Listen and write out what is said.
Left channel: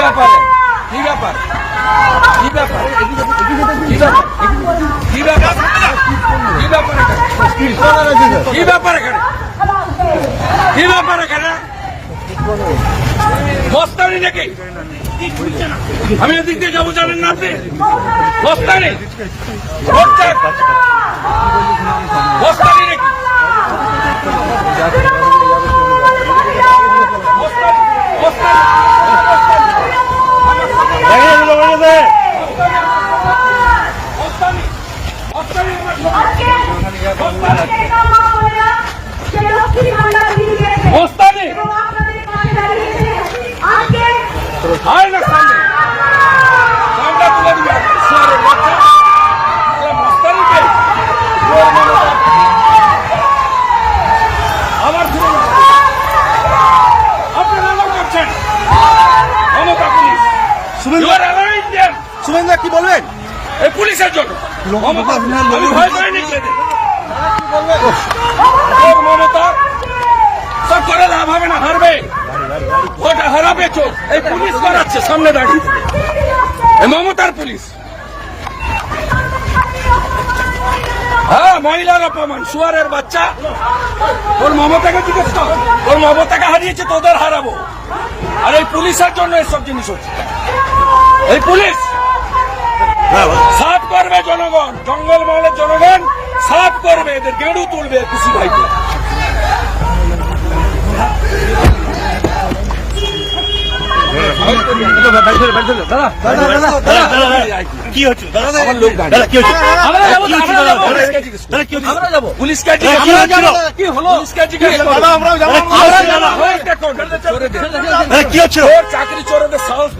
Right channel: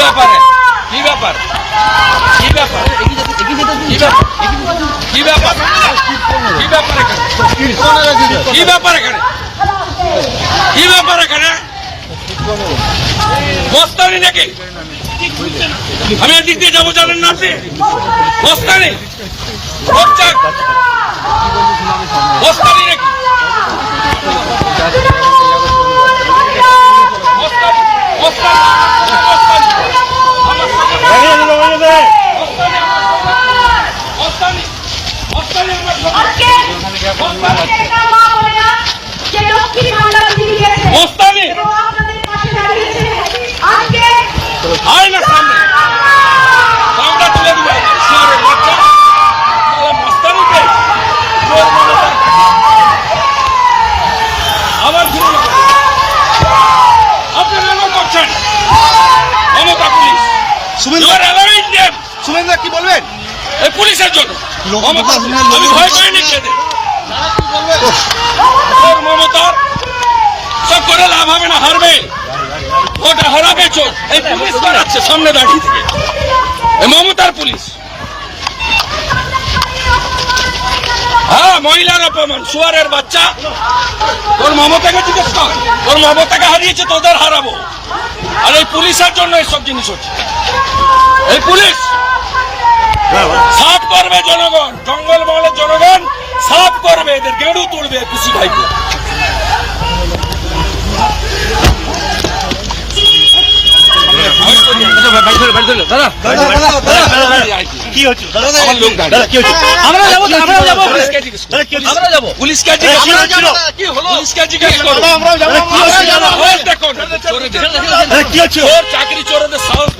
ব্যাপারে কি ব্যাপার কি ব্যাপার কি ব্যাপার কি ব্যাপার কি ব্যাপার এখানে কি ব্যাপার এখানে মস্তানি নাকি? আমি এদিক দিয়ে যাবো জানেন না আপনি? মস্তানি মস্তানি নাকি? আয়নার সামনে আমরা তুলে দিব শহরের বাচ্চা মস্তানিতে আবার ফিরে যাব। আপনারা এমন করছেন মমতা পুলিশ সুমেন্দা কি বলবেন এই পুলিশের জন্য? আমি ভয় পাইনি মমতা সব করে লাভ হবে না, হারবে, ওটা হারাবে চোর। এই পুলিশ করাচ্ছে সামনে দাঁড়িয়ে থেকে, এই মমতার পুলিশ। হ্যাঁ, মহিলার অপমান, শুয়ারের বাচ্চা। তোর মমতাকে জিজ্ঞেস কর, তোর মমতাকে হারিয়েছে, তোদের হারাবো। আর এই পুলিশের জন্য এইসব জিনিস হচ্ছে। এই পুলিশ সাফ করবে জনগণ, জঙ্গল মহলের জনগণ সাফ করবে, এদের গেড়ু তুলবে খুশি ভাইকে। কি হচ্ছে আমার লোক চাকরি চোরদের সাহস